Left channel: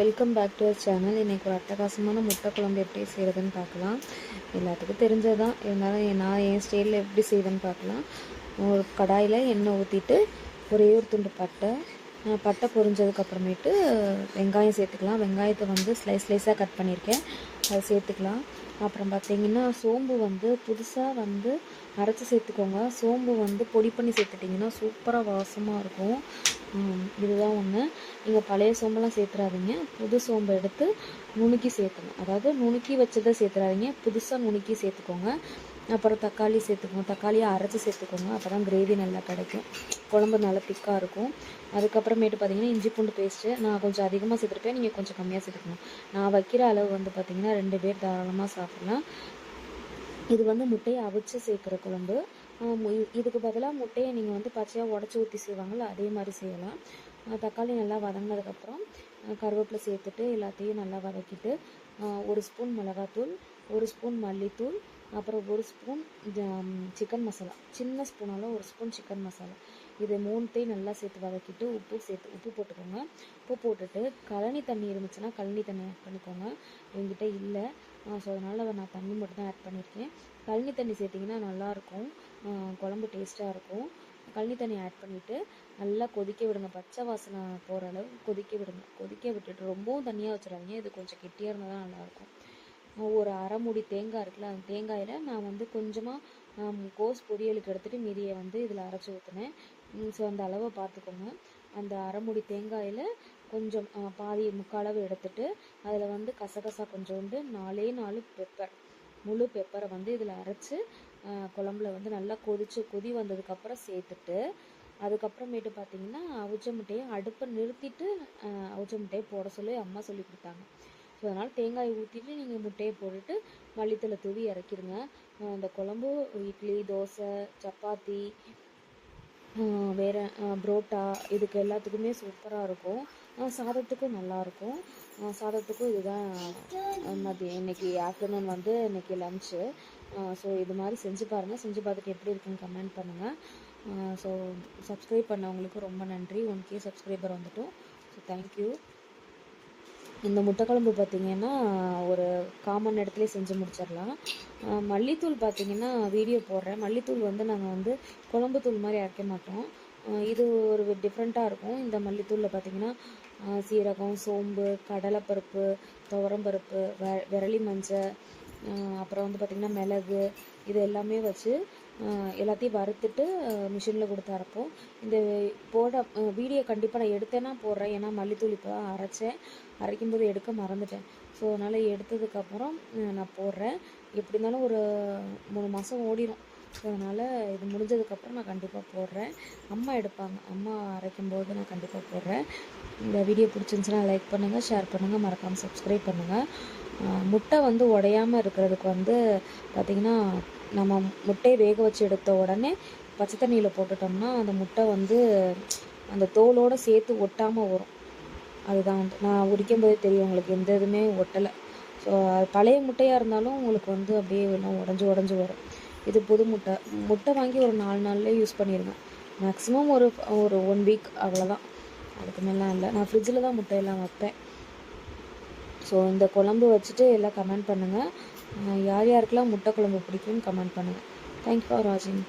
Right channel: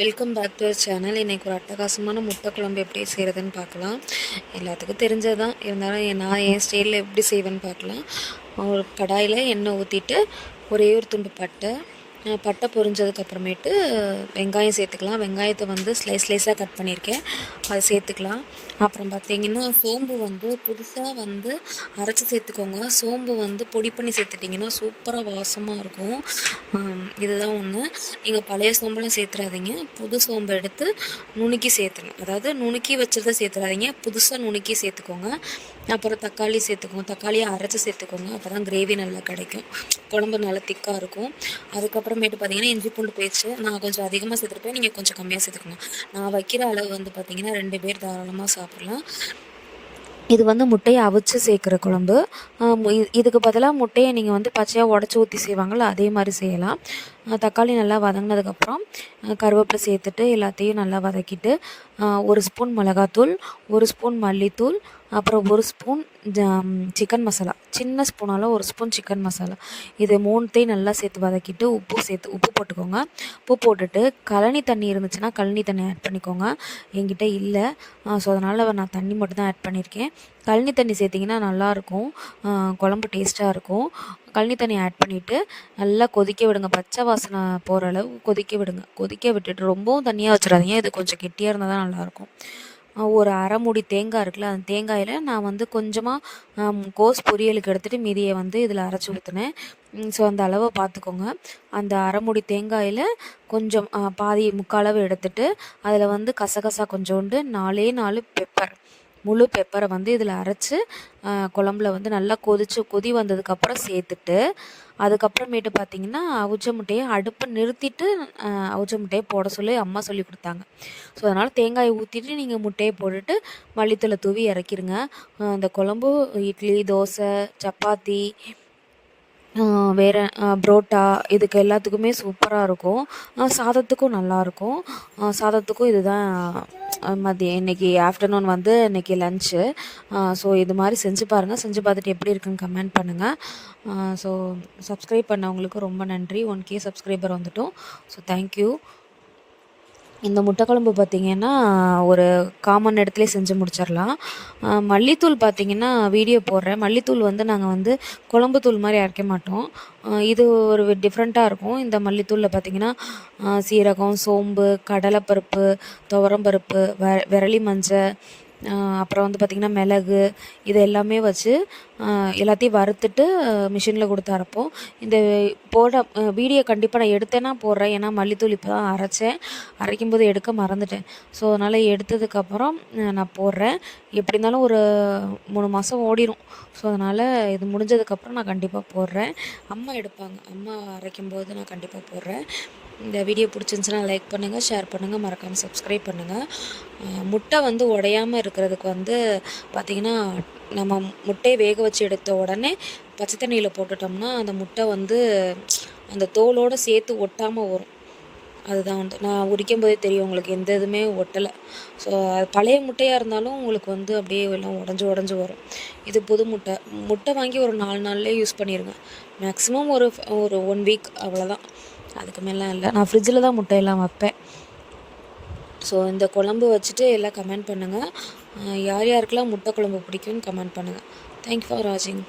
Welcome back to channel. இன்றைக்கி ஒரு அட்டகாசமான முட்டை குழம்பு எப்படி செய்கிறதுன்னு பார்க்கலாம். எல்லாத்துக்கும் தெரிஞ்சது தான், இருந்தாலும் நான் என் ஸ்டைலில் எப்படி செய்வேன்னு பார்க்கலாம். ஒரு கடாயில் எண்ணெய் ஊற்றிட்டு ஒரே ஒரு துண்டு பட்டை பொரிஞ்சதுக்கப்புறமேட்டு வெங்காயம் சேர்த்துக்கலாம். வெங்காயத்தை வந்து ஸ்லைஸாக கட் பண்ணியிருக்கேன், அதை சேர்த்துக்கலாம். அப்புறம் பார்த்திங்கன்னா சோம்பு வந்து புதுசாக வந்து அரைச்சி சேர்த்துக்கோங்க. சோம்பு வந்து பொடி பண்ணி சேர்த்துட்டிங்கன்னா சூப்பராக வாசமாக இருக்கும். இதுதான் ஒன்று. நீங்கள் பழைய சோம்பெல்லாம் சேர்த்துறாதீங்க, புது சோம்பை எடுத்து நுணுக்கி சேர்த்துங்க. அதாவது நுணுக்கி வச்சதை சேர்த்துறாதீங்க, புதுசாக நுணுக்கி சேர்த்துக்கோங்க. அப்புறம் தக்காளி சேர்த்துக்கோங்க, தக்காளியை அரைச்சி சேர்த்துக்கோங்க. அப்போ தான் கிரேவி நல்லா கிடைக்கும், குழம்பு நல்லா திக்காக இருக்கும். அதுக்கப்புறமேட்டு பார்த்திங்கன்னா இஞ்சி பூண்டு பேஸ்ட்டு நான் கொஞ்சம் அதிகமாக சேர்த்துருப்பேன், நீங்கள் கொஞ்சம் கம்மியாக சேர்த்துக்கணும். நான் வைக்கிற அளவு வந்து பார்த்திங்கன்னா 2 பேர் தாராளமாக சாப்பிட்லாம். இது வந்து முட்டையை அவிச்சு சேர்க்குற குழம்பு. இதுக்கு பதிலாக முட்டையை நீங்கள் வந்து பச்சையாக உடச்சி ஊற்றி செய்வாங்கள, அதே மாதிரி செய்யலாம். தக்காளி நல்லா வதங்கினதுக்கப்புறம் கருவேப்பிலை சேர்த்துட்டு எல்லாத்தையும் நல்லா வதக்கிட்டு 1 ஸ்பூன் மிளகாத்தூள், 1 ஸ்பூன் மல்லித்தூள், அப்புறம் 1 ஸ்பூன் சிக்கன் மசாலா, சின்ன ஸ்பூனால் 1 ஸ்பூன் சிக்கன் மசாலா, இது 3த்தையும் நல்லா சேர்த்து வதக்கிட்டு உப்பு போட்டுக்கோங்க. உப்பு போட்டுட்டு கழனி தண்ணி இருந்துச்சுன்னா கழனி தண்ணி ஆட் பண்ணிக்கோங்க. என்கிட்ட இல்லை, ஸோ அதனால் நான் தண்ணி மட்டும் தான் ஆட் பண்ணியிருக்கேன். கழனி தண்ணி சேர்த்திங்கன்னா நல்லாயிருக்கும், குழம்பு டேஸ்ட்டாக இருக்கும். கழனி தண்ணி ஆட் பண்ணிவிட்டு நல்லா கொதிக்க விடுங்க, பச்சை வாசனை போகிற அளவு கொதிக்க விடுங்க. கொதிக்க விட்டுட்டு ரொம்பவும் தண்ணியாக வச்சிடாதீங்க, இது கொஞ்சம் கெட்டியாக இருந்தால் தான் நல்லாயிருக்கும். ஒரு அரை மூடி தேங்காய் இருக்குல்ல, அந்த தேங்காயில் நான் வந்து கொஞ்சமாக கோஸ் பொரியலுக்கு எடுத்துகிட்டு மீதியை வந்து இதில் அரைச்சி ஊற்றினேன். ஸோ அந்த அளவை பார்த்துக்கோங்க. அந்த அரை மூடி தேங்காயில் கொஞ்சம் பாதி முக்கால் எடுத்துகிட்டு அதில் வந்து கசகசா கொஞ்சோண்டு 4 பெப்பர், முழு பெப்பரை வந்து இதில் அரைச்சி குழம்புல வந்து நல்லா கொதி வந்ததுக்கப்புறம் சேர்த்துட்டு, அதுக்கப்புறமேட்டு பார்த்திங்கன்னா அவிச்ச முட்டையை அடுப்பை நிறுத்திட்டு அவிச்ச முட்டையை போட சொல்லி அம்மா சொல்லி கொடுத்தாங்க. ஸோ அதனால் தேங்காயை ஊற்றிட்டு நீங்கள் முட்டையை போட்டுட்டு மல்லித்தூளை தூவி இறக்கிடுங்க. இந்த குழம்பு இட்லி, தோசை, சப்பாத்தி, வேறு புரோட்டா, இதுக்கு எல்லாத்துக்குமே சூப்பராக இருக்கும். சாதத்துக்கும் நல்லாயிருக்கும். சாதத்துக்கும் இதுதான் மதியம் இன்றைக்கி ஆஃப்டர்நூன் வந்து இன்றைக்கி லன்ச்சு. ஸோ இது மாதிரி செஞ்சு பாருங்கள். செஞ்சு பார்த்துட்டு எப்படி இருக்குன்னு கமெண்ட் பண்ணுங்கள். ஸோ சப்ஸ்கிரைப் பண்ணவங்களுக்கு ரொம்ப நன்றி. 1K சப்ஸ்கிரைபர் வந்துட்டோம். So thank you. இந்த முட்டை குழம்பு பார்த்திங்கன்னா ஒரு காமன் இடத்துலேயே செஞ்சு முடிச்சிடலாம். மல்லித்தூள் பார்த்திங்கன்னா வீடியோ போடுறேன். மல்லித்தூள் வந்து நாங்கள் வந்து குழம்பு தூள் மாதிரி அரைக்க மாட்டோம், இது ஒரு டிஃப்ரெண்ட்டாக இருக்கும். இந்த மல்லித்தூளில் பார்த்திங்கன்னா சீரகம், சோம்பு, கடலைப்பருப்பு, துவரம்பருப்பு, விரலி மஞ்சள், அப்புறம் வந்து பார்த்திங்கன்னா மிளகு, இது எல்லாமே வச்சு எல்லாத்தையும் வறுத்துட்டு மிஷினில் கொடுத்து அரைப்போம். இந்த வீடியோ கண்டிப்பாக நான் எடுத்தேன்னா போடுறேன், ஏன்னா மல்லித்தூள் இப்போ தான் அரைக்கும்போது எடுக்க மறந்துட்டேன். ஸோ அதனால் எடுத்ததுக்கப்புறம் நான் போடுறேன். எப்படி இருந்தாலும் ஒரு 3 மாதம் ஓடிடும். ஸோ அதனால் இது முடிஞ்சதுக்கப்புறம் நான் கண்டிப்பாக போடுறேன். அம்மா எடுப்பாங்க, அம்மா அரைக்கும்போது நான் கண்டிப்பாக போடுறேன். இந்த வீடியோ பிடிச்சிருந்துச்சுன்னா லைக் பண்ணுங்கள், ஷேர் பண்ணுங்கள், மறக்காமல் சப்ஸ்கிரைப் பண்ணுங்கள். முட்டை வந்து உடையாமல் இருக்கிறதுக்கு வந்து பார்த்திங்கன்னா நம்ம முட்டையை வேக வச்சு எடுத்த உடனே பச்சை தண்ணியில் போட்டுட்டோம்னா அந்த முட்டை வந்து அந்த தோலோடு சேர்த்து ஒட்டாமல் வரும். அதுதான் வந்து நான் உரிக்கும் போதே தெரியும் உங்களுக்கு, எந்த இதுவுமே ஒட்டலை. ஸோ பழைய முட்டையாக இருந்தாலும் உங்களுக்கு வந்து அப்படியே எல்லாம் உடஞ்சி வரும். இது புது முட்டை வாங்கி ஒரு 4 நாள்லேயே யூஸ் பண்ணிடுங்க. மேக்ஸிமம் ஒரு 1 வீக், அவ்வளோதான், அதுக்கு மேலாம் இல்லை. நான் ஃப்ரிட்ஜில் தான் முட்டையெல்லாம் வைப்பேன். ஸோ இந்த குழம்பு வச்சுட்டு எல்லாம் கமெண்ட் பண்ணுங்கள். யார் யாருக்கெல்லாம் முட்டை குழம்பு பிடிக்கும்னு கமெண்ட் பண்ணுங்கள். தேங்க்யூ ஃபார் வாட்சிங்.